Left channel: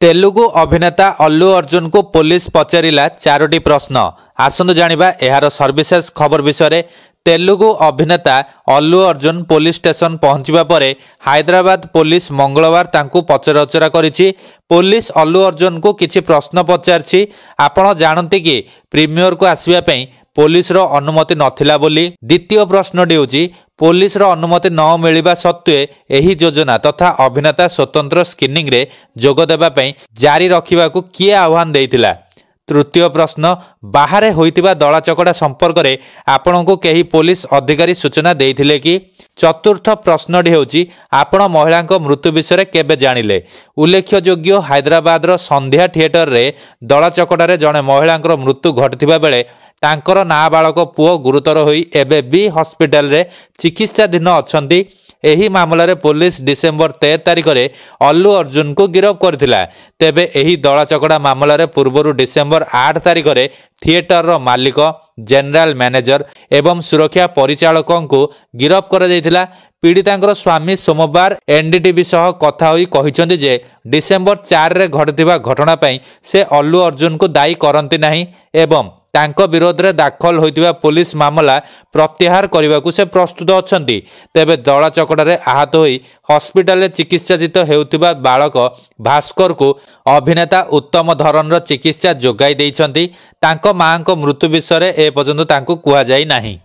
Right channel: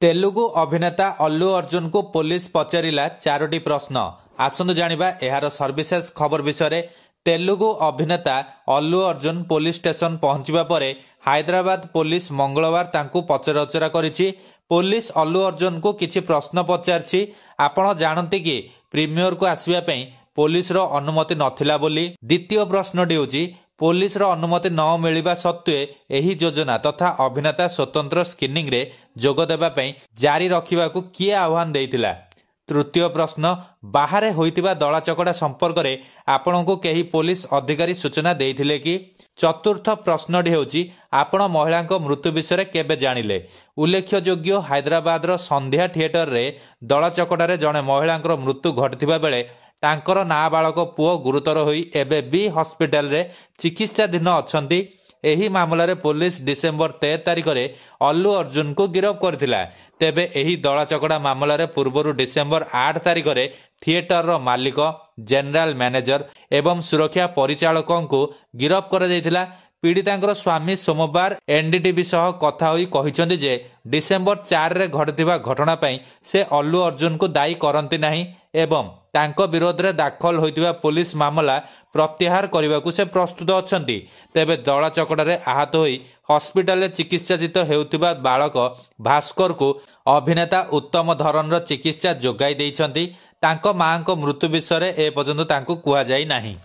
तेलुगु अभिनेता अल्लू अर्जुन को पुलिस पचारिला 4टी प्रश्न। आसंतु जानिबा एहार सर्विसेस खबर विषय। तेलुगु अभिनेता अल्लू अर्जुन पुलिस स्टेशन पहुंचवा परे हैदराबाद पुलिस मंगलवार तांकु पचराउचरा करिछि। पुलिस अल्लू अर्जुन को किछि प्रश्न पचारछि। आपण जानते कि प्रीमियर को आसीबा पई पुलिस रो अनुमति नथिला बोली। द्वितीय प्रश्नटी होछि पुलिस रो अनुमति न मिलिबा सत्वे एही योजना तथा अभिनेता स्वतंत्र स्क्रीनिंग रे जोग देबा पई जारी रखिबाकू किए आह्वान देइतिला। तृतीय प्रश्न बाहर होइतिबा दला चकड़ा संपर्क रे आपणको केही पुलिस अधिकारी सूचना देइथिले कि। चतुर्थ प्रश्नटी होछि आपण महिला मृत्यु विषय केबे जानिले। उल्लेखयोग्य हैदराबाद रो संध्या थिएटर रे दला चकड़ा रे जणे महिला मृत्यु घटिथिबा बेले तांकर नाबालक पुओ गुरुतर होई एबे बी हॉस्पिटल रे चिकित्साधीन अछंती। एही मामला रे पुलिस डिसेंबर 13 तारिख रे अल्लू अर्जुन को गिरफ्त करथिला। तेबे एही दला चकड़ा मामला रे पूर्वरु डिसेंबर 8 तारिख रे थिएटर रो मालिक, जनरल मैनेजर एवं सुरक्षा परिचालकों को गिरफ्त कर जायथिला। पीड़ितांकर स्वामी सोमवार एनडीटीवी सह कथा होई कहिसंती जे डिसेंबर 4 रे घटिथिबा घटना पई से अल्लू अर्जुन को दायी करंती नाही एवं तांको विरोध रे दाखल होइतिबा पुलिस मामला प्रत्याहार करने से प्रस्तुत अछंती। तेबे दला चकड़ा रे आहत होई हॉस्पिटल रे चिकित्साजित हेउतिबा बालक भास्कर को अभिनेता उत्तम धरन रो चिकित्सा जोगाई दैछंती। तांको मां को मृत्यु विषय ए पर्यंत तांको कुआ जाई नाही।